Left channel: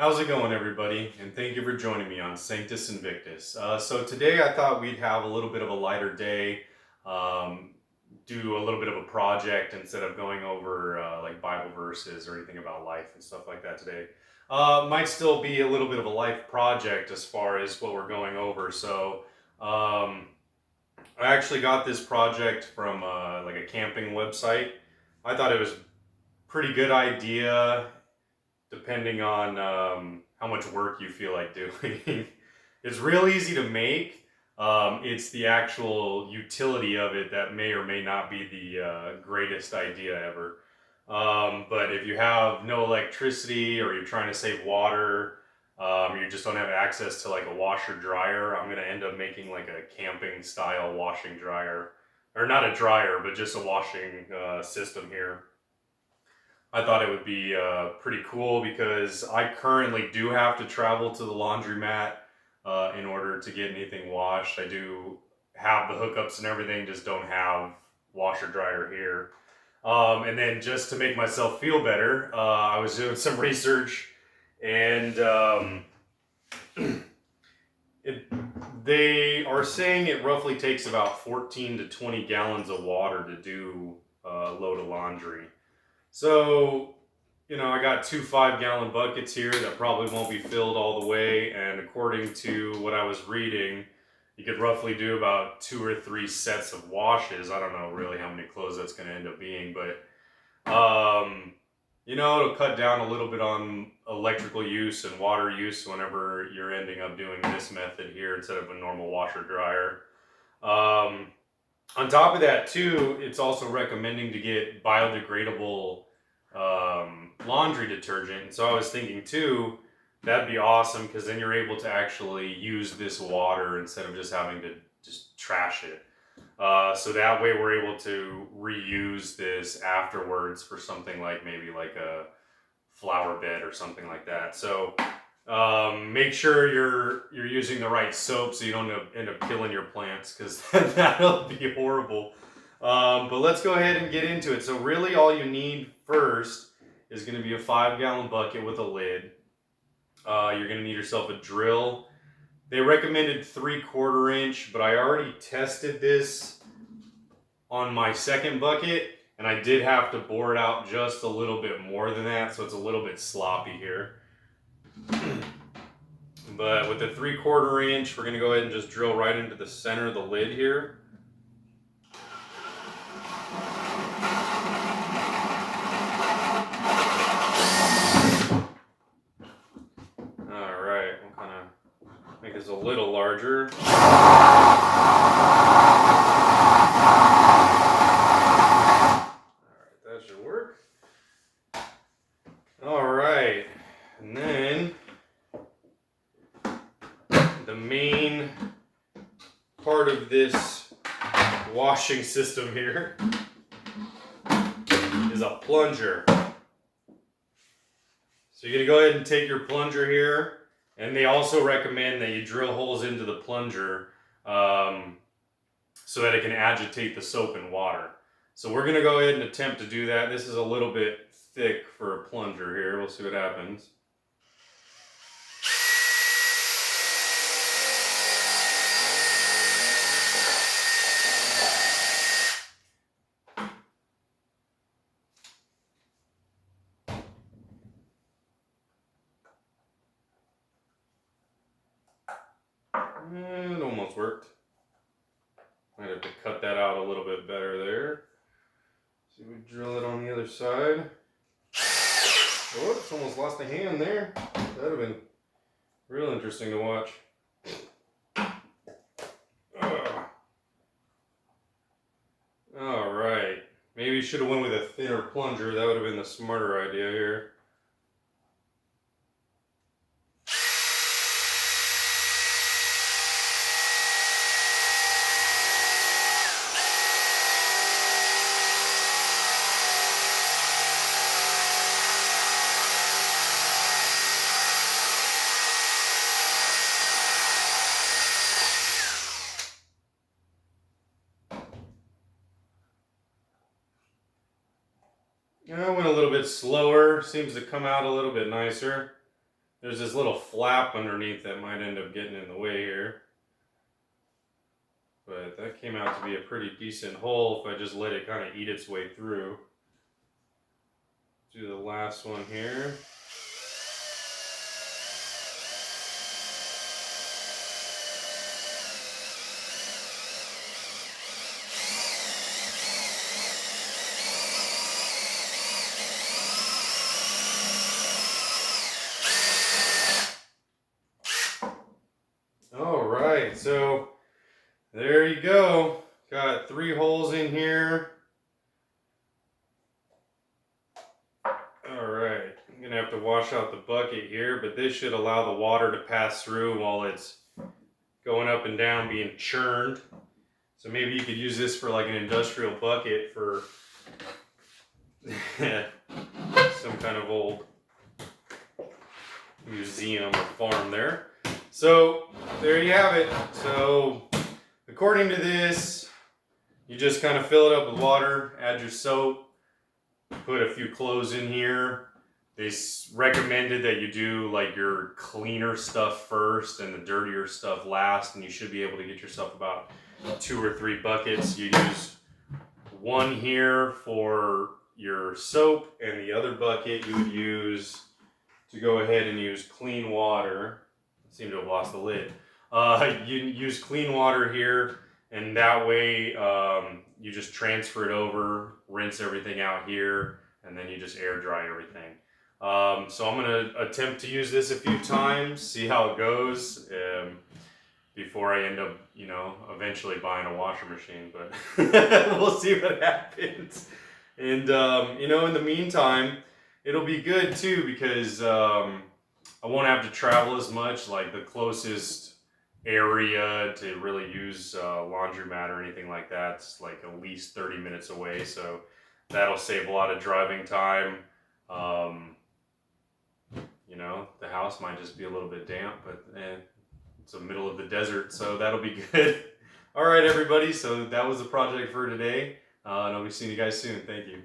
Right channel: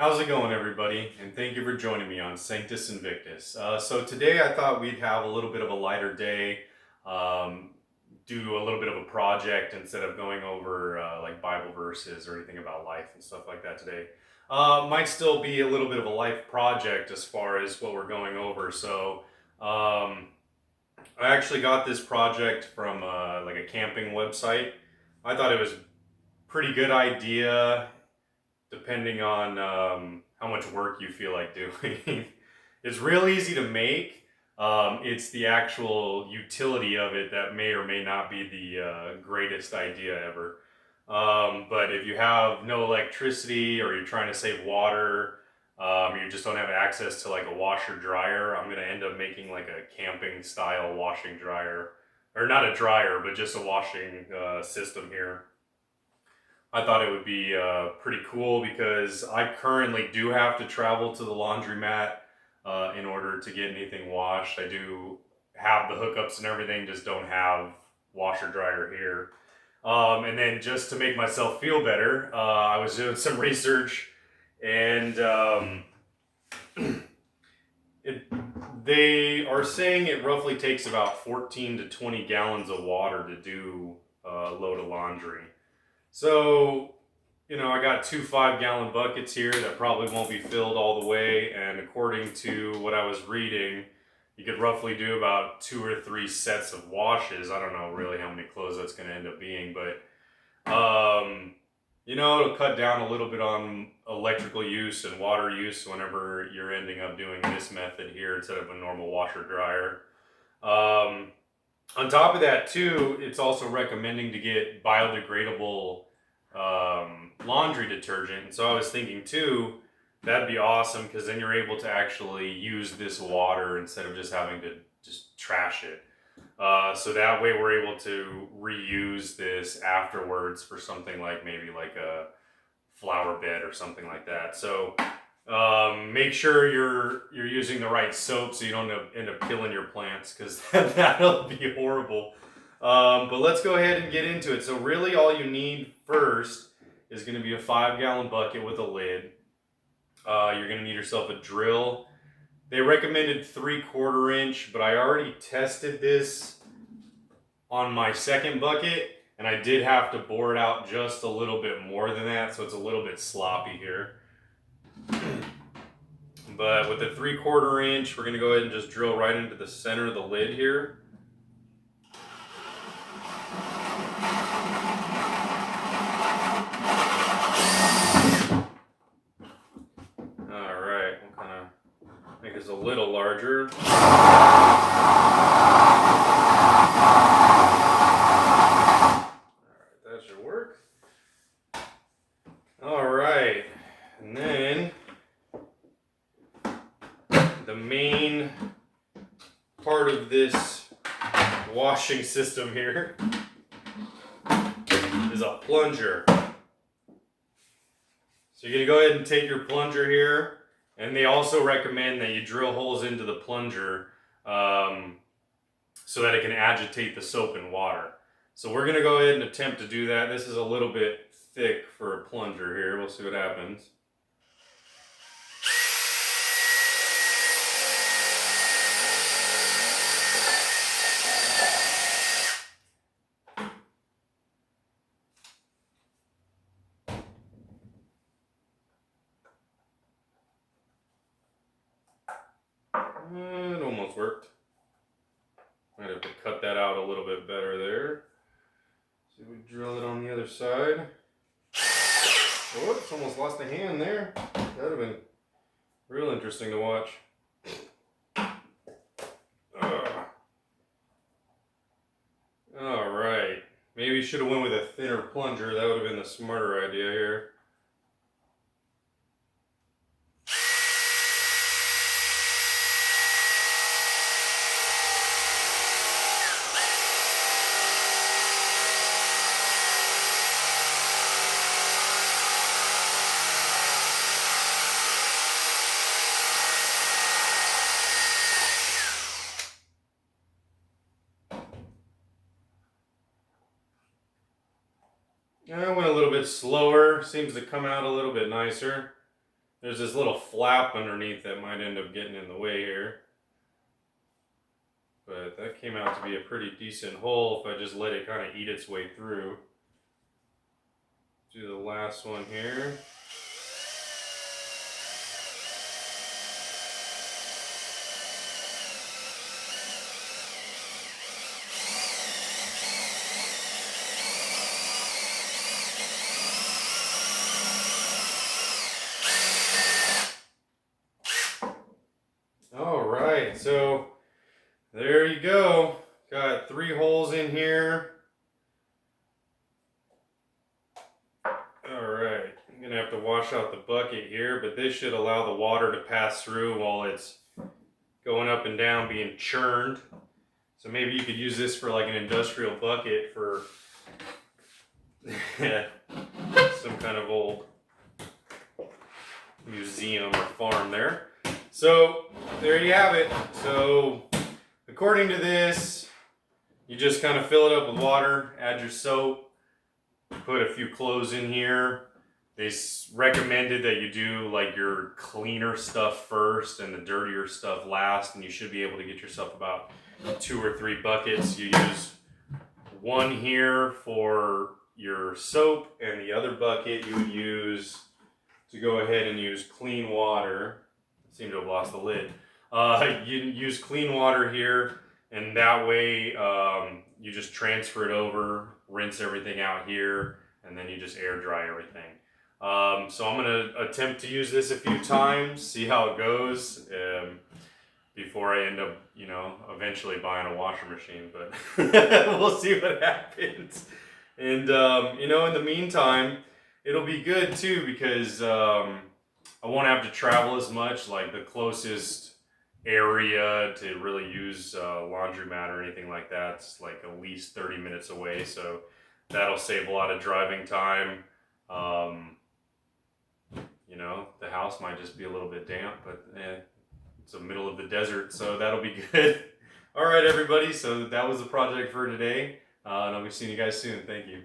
How's it going, everybody? And thank you for joining me on Sanctus Invictus. So today I thought we'd have a little bit of a lighter day, um, do a little bit of a project instead of going over like Bible verses or anything about life and stuff like that today. Might still be a little bit of a life project as far as what we're going over. So I actually got this project from like a camping website. I thought it was a pretty good idea depending on how much work you feel like doing. It's real easy to make. It's the actual utility of it that may or may not be the greatest idea ever. But if you have no electricity or you're trying to save water, you just don't have access to like a washer dryer, I'm gonna end up making like a camping style washing dryer, or not a dryer, but just a washing system here. I thought it would be pretty cool because I currently do have to travel to the laundromat in order to get anything washed. I do have the hookups and everything, just don't have washer dryer here. And then just to make myself feel better, I was doing some research and it, they are saying it roughly takes about 14 to 20 gallons of water to do a load of laundry. So, I got two 5-gallon buckets here that probably won't be filled all the way. And according to what I was reading, you could roughly do about 2 or 3 sets of washes. I don't know really how many clothes that's going to end up being, but it'll cut down a little bit on electrical use and water use whenever you're ending up doing this method here instead of a normal washer dryer. On top of that, too, it's also recommending to get biodegradable laundry detergent. And so I was thinking, too, that'd be awesome because then you're able to actually use this water instead of just having to just trash it. So that way we're able to reuse this afterwards for something like maybe like a flower bed or something like that. So make sure you're using the right soap so you don't end up killing your plants because that'll be horrible. But let's go ahead and get into it. So really all you need first is going to be a 5-gallon bucket with a lid. You're going to need yourself a drill. They recommended 3/4 inch, but I already tested this on my second bucket and I did have to bore it out just a little bit more than that, so it's a little bit sloppy here. But with the 3/4 inch, we're going to go ahead and just drill right into the center of the lid here. Alright, we'll kind of make this a little larger. Alright, that should work. Alright, and then the main part of this washing system here is a plunger. So you're going to go ahead and take your plunger here, and they also recommend that you drill holes into the plunger so that it can agitate the soap and water. So we're going to go ahead and attempt to do that. This is a little bit thick for a plunger here. We'll see what happens. It almost worked. Might have to cut that out a little bit better there. So we drill it on the other side. Oh, it's almost lost a hand there. That would have been real interesting to watch. Alright. Maybe should have went with a thinner plunger. That would have been the smarter idea here. I went a little bit slower. Seems to come out a little bit nicer. There's this little flap underneath that might end up getting in the way here. But that came out to be a pretty decent hole if I just let it kind of eat its way through. Do the last one here. All right, so there you go. Got 3 holes in here. All right, I'm gonna have to wash out the bucket here, but this should allow the water to pass through while it's going up and down being churned. So maybe you could use this for like an industrial bucket for some kind of old museum or farm there. So there you have it. So according to this, you just kind of fill it up with water, add your soap, put a few clothes in here. They recommended that you do like your cleaner stuff first and the dirtier stuff last, and you should be able to get yourself about 2 or 3 buckets. You use one here for your soap, and the other bucket you would use to go ahead and use clean water. I seem to have lost the lid. You use clean water here, and that way you just transfer it over, rinse everything out here, and then you just air dry everything. So I'm gonna attempt to use this a few times, see how it goes, before I end up, you know, eventually buying a washer machine, but we'll see what happens. And, you know, in the meantime, it'll be good too, because I won't have to travel as much. Like the closest area to really use laundromat or anything like that's like at least 30 minutes away, so that'll save a lot of driving time. You know, the house might just be a little bit damp, but it's the middle of the desert, so that'll be good. All right, everybody, so that was the project for today, and I'll be seeing you guys soon. Thank you.